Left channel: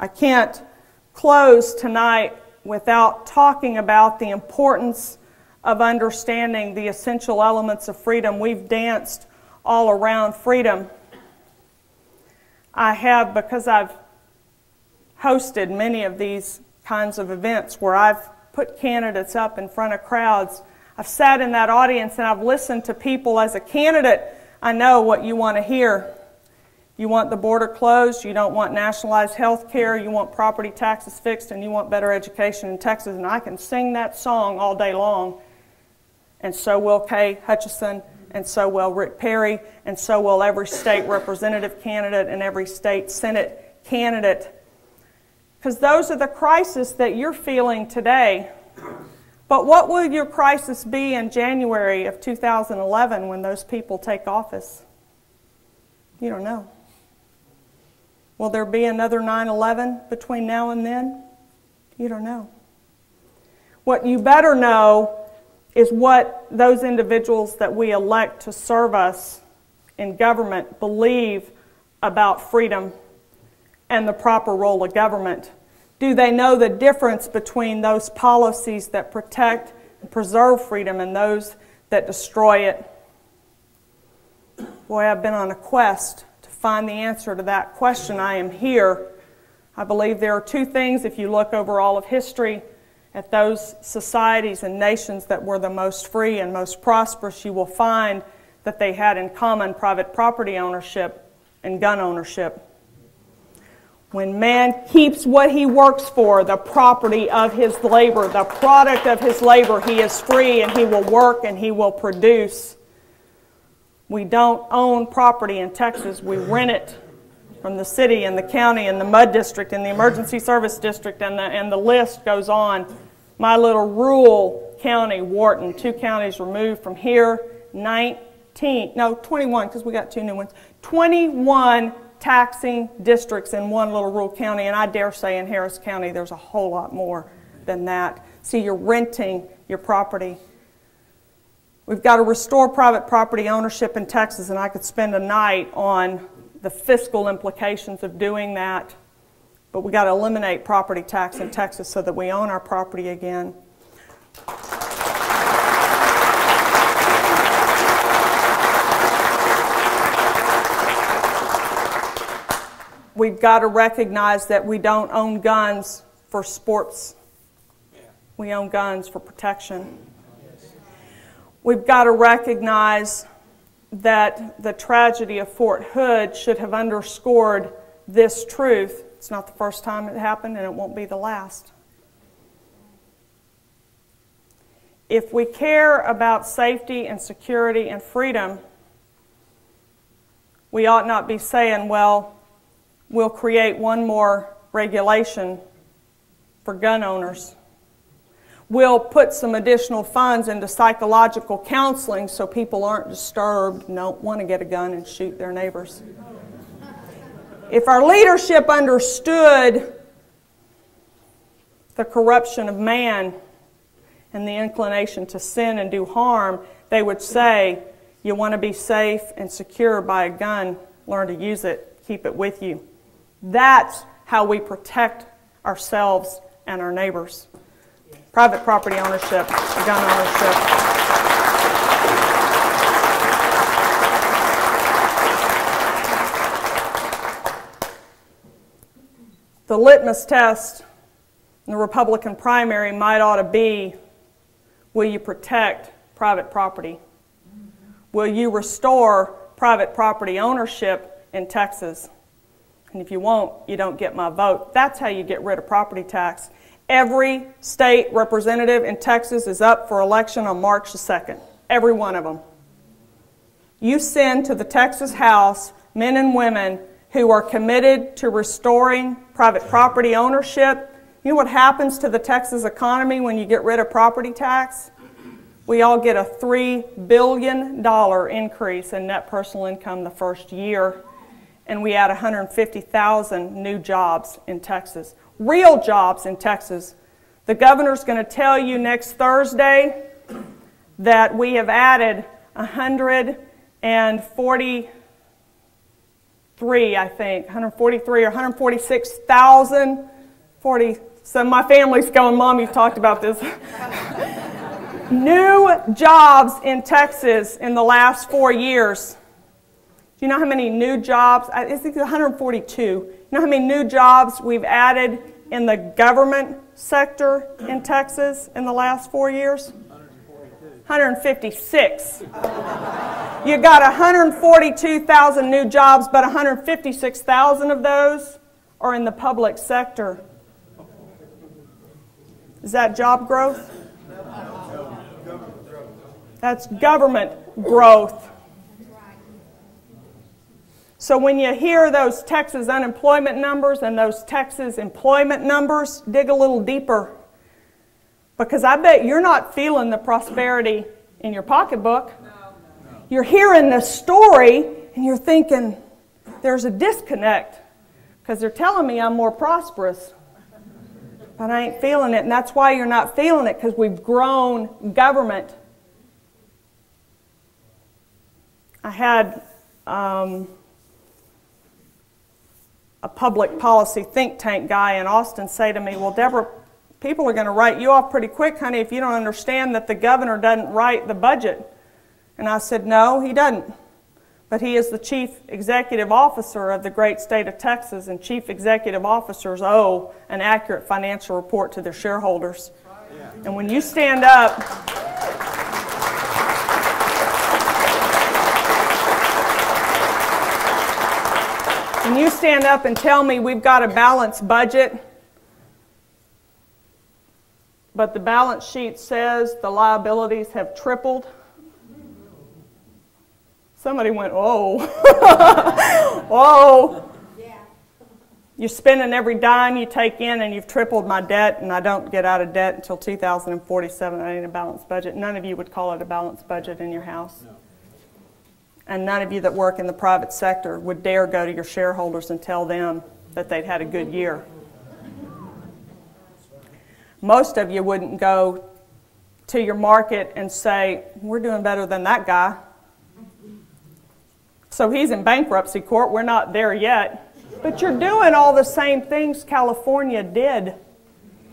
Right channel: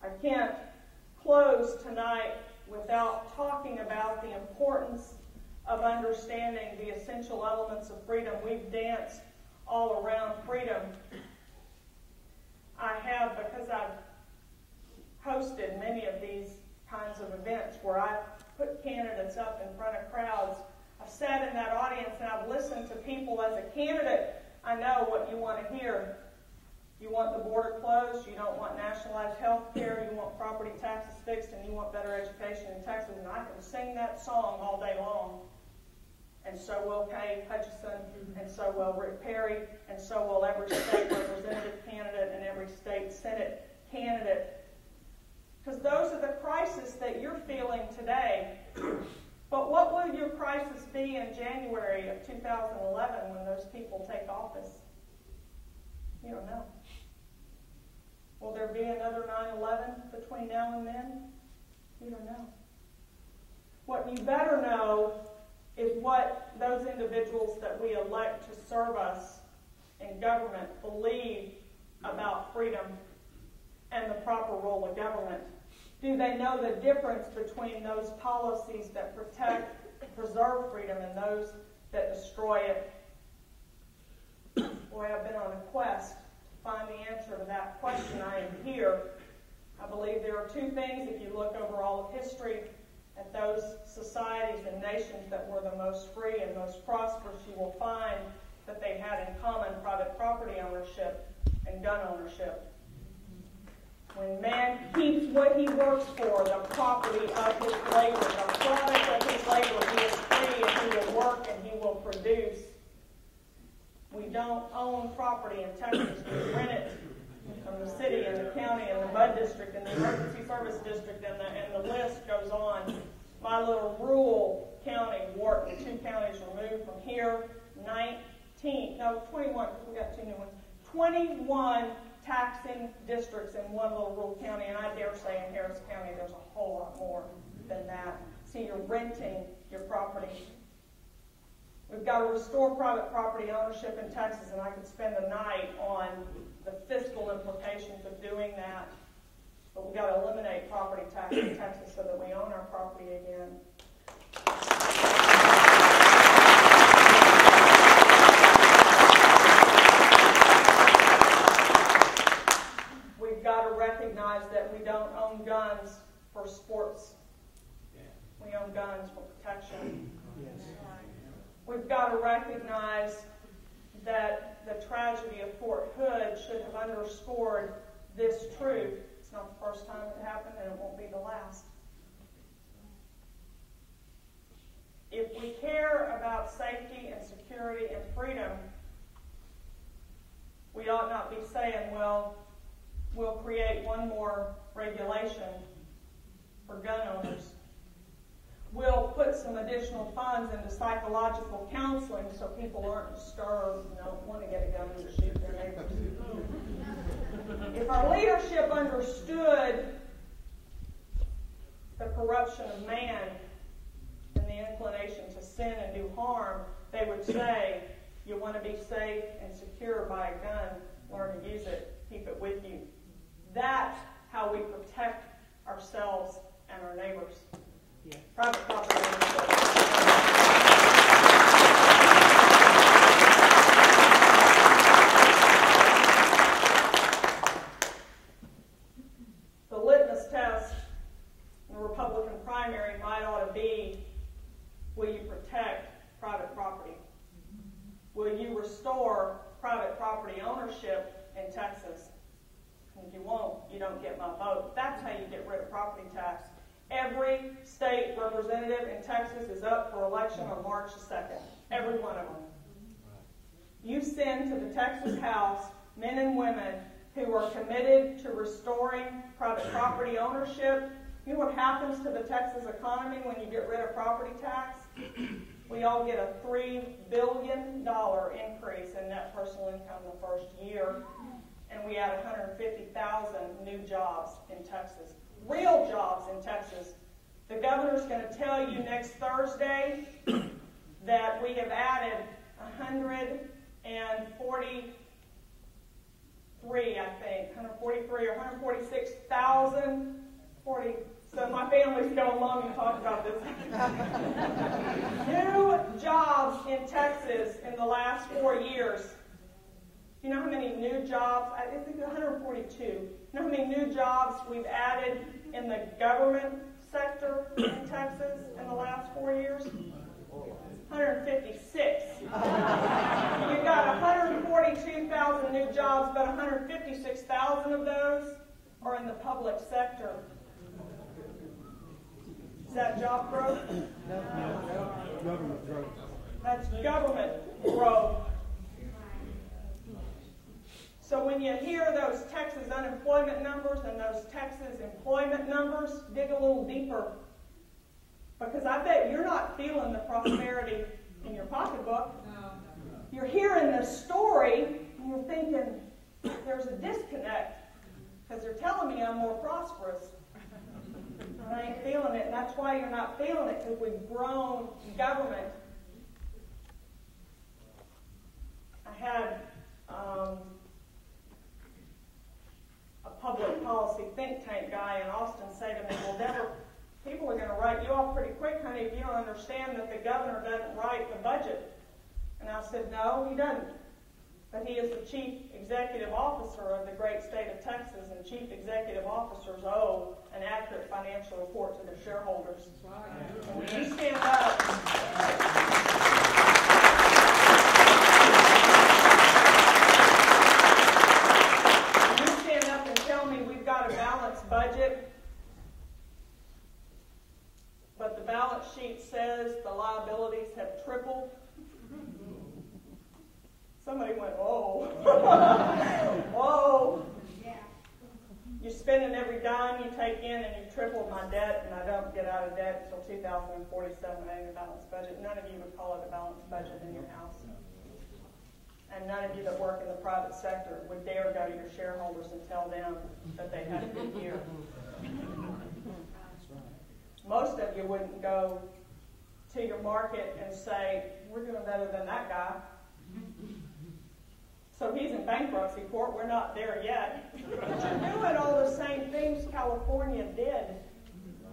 I can't close tonight without talking about the importance of understanding the essential elements of freedom. We've danced all around freedom. I have, because I've hosted many of these kinds of events where I've put candidates up in front of crowds. I've sat in that audience and I've listened to people. As a candidate, I know what you want to hear. You want the border closed, you don't want nationalized health care, you want property taxes fixed, and you want better education in Texas. And I can sing that song all day long. And so will Kay Hutchison, and so will Rick Perry, and so will every state representative candidate and every state Senate candidate. Because those are the crises that you're feeling today. But what will your crisis be in January of 2011 when those people take office? You don't know. Will there be another 9/11 between now and then? You don't know. What you better know is what those individuals that we elect to serve us in government believe about freedom and the proper role of government. Do they know the difference between those policies that protect and preserve freedom and those that destroy it? Boy, I've been on a quest to find the answer to that question. I am here. I believe there are two things, if you look over all of history at those societies and nations that were the most free and most prosperous, you will find that they had in common private property ownership and gun ownership. When man keeps what he works for, the property of his labor, the product of his labor, he is free and he will work and he will produce. We don't own property in Texas. We rent it from the city and the county and the MUD district and the emergency service district, and the list goes on. My little rural county, Wharton, 2 counties removed from here, 21, because we got 2 new ones, 21 taxing districts in one little rural county, and I dare say in Harris County there's a whole lot more than that. See, you're renting your property. We've got to restore private property ownership in Texas, and I could spend a night on the fiscal implications of doing that, but we've got to eliminate property tax in Texas so that we own our property again. We've got to recognize that we don't own guns for sports. We own guns for protection. We've got to recognize that the tragedy of Fort Hood should have underscored this truth. It's not the first time it happened, and it won't be the last. If we care about safety and security and freedom, we ought not be saying, well, we'll create one more regulation for gun owners. We'll put some additional funds into psychological counseling so people aren't disturbed and don't want to get a gun and shoot their neighbors. If our leadership understood the corruption of man and the inclination to sin and do harm, they would say, you want to be safe and secure by a gun, learn to use it, keep it with you. That's how we protect ourselves and our neighbors. Private property ownership, gun ownership. The litmus test in the Republican primary might ought to be, will you protect private property? Will you restore private property ownership in Texas? And if you won't, you don't get my vote. That's how you get rid of property tax. Every state representative in Texas is up for election on March the 2nd. Every one of them. You send to the Texas House men and women who are committed to restoring private property ownership. You know what happens to the Texas economy when you get rid of property tax? We all get a $3 billion increase in net personal income the first year, and we add 150,000 new jobs in Texas. Real jobs in Texas. The governor's going to tell you next Thursday that we have added 140 143, I think, 143 or 146,000, so my family's going, Mom, you've talked about this. New jobs in Texas in the last 4 years. Do you know how many new jobs? I think it's 142. You know how many new jobs we've added in the government sector in Texas in the last 4 years? 156. You got 142,000 new jobs, but 156,000 of those are in the public sector. Is that job growth? That's government growth. So when you hear those Texas unemployment numbers and those Texas employment numbers, dig a little deeper. Because I bet you're not feeling the prosperity in your pocketbook. You're hearing this story and you're thinking, there's a disconnect. Because they're telling me I'm more prosperous. But I ain't feeling it. And that's why you're not feeling it, because we've grown government. I had a public policy think tank guy in Austin say to me, well, Deborah, people are going to write you off pretty quick, honey, if you don't understand that the governor doesn't write the budget. And I said, no, he doesn't. But he is the chief executive officer of the great state of Texas, and chief executive officers owe an accurate financial report to their shareholders. And when you stand up... When you stand up and tell me we've got a balanced budget, but the balance sheet says the liabilities have tripled, somebody went, whoa, whoa. You're spending every dime you take in and you've tripled my debt, and I don't get out of debt until 2047. I need a balanced budget. None of you would call it a balanced budget in your house. And none of you that work in the private sector would dare go to your shareholders and tell them that they'd had a good year. Most of you wouldn't go to your market and say, we're doing better than that guy. So he's in bankruptcy court. We're not there yet. But you're doing all the same things California did.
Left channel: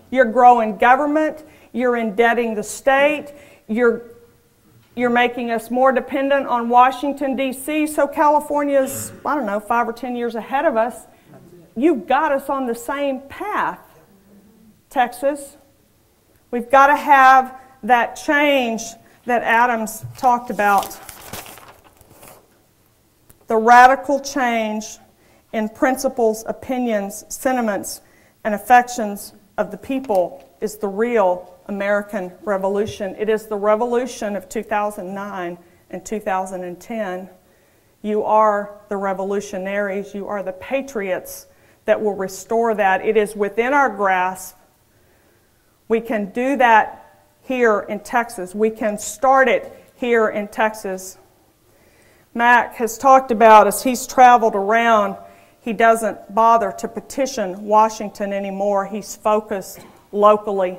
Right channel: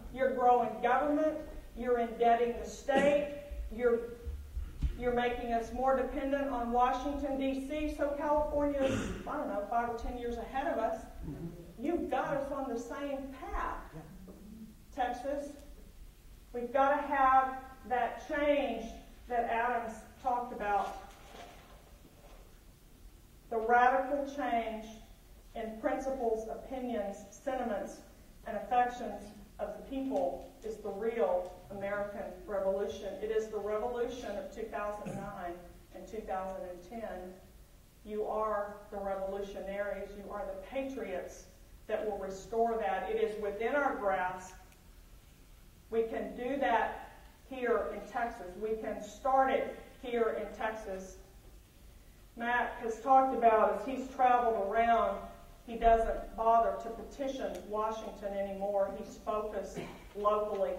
You're growing government. You're indebting the state. You're making us more dependent on Washington, D.C., so California's, I don't know, 5 or 10 years ahead of us. You've got us on the same path, Texas. We've got to have that change that Adams talked about. The radical change in principles, opinions, sentiments, and affections of the people is the real American Revolution. It is the revolution of 2009 and 2010. You are the revolutionaries. You are the patriots that will restore that. It is within our grasp. We can do that here in Texas. We can start it here in Texas. Mac has talked about, as he's traveled around, he doesn't bother to petition Washington anymore. He's focused locally.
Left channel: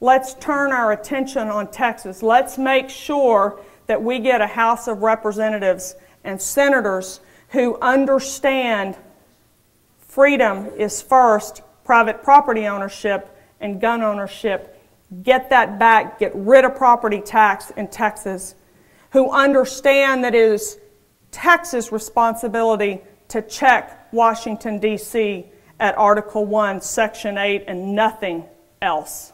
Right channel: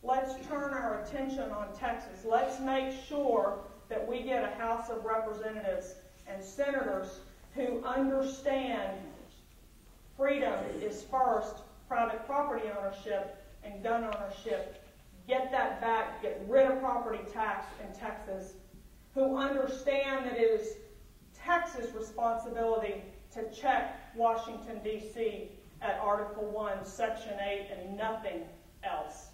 Let's turn our attention on Texas. Let's make sure that we get a House of Representatives and senators who understand freedom is first, private property ownership and gun ownership. Get that back. Get rid of property tax in Texas. Who understand that it is Texas' responsibility to check Washington, D.C. at Article 1, Section 8, and nothing else.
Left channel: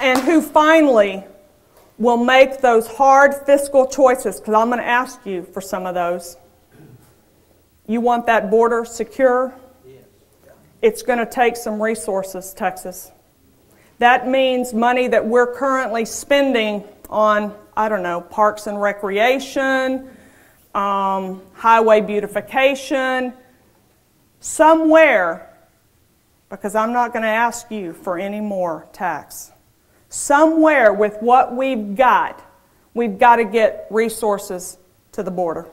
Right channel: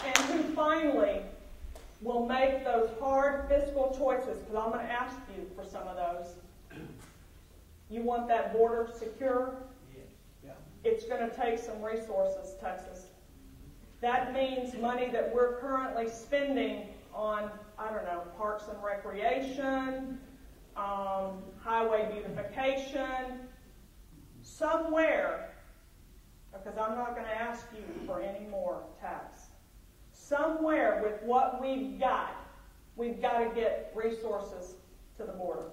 And who finally will make those hard fiscal choices, because I'm going to ask you for some of those. You want that border secure? It's going to take some resources, Texas. That means money that we're currently spending on, I don't know, parks and recreation, highway beautification, somewhere, because I'm not going to ask you for any more tax. Somewhere with what we've got to get resources to the border.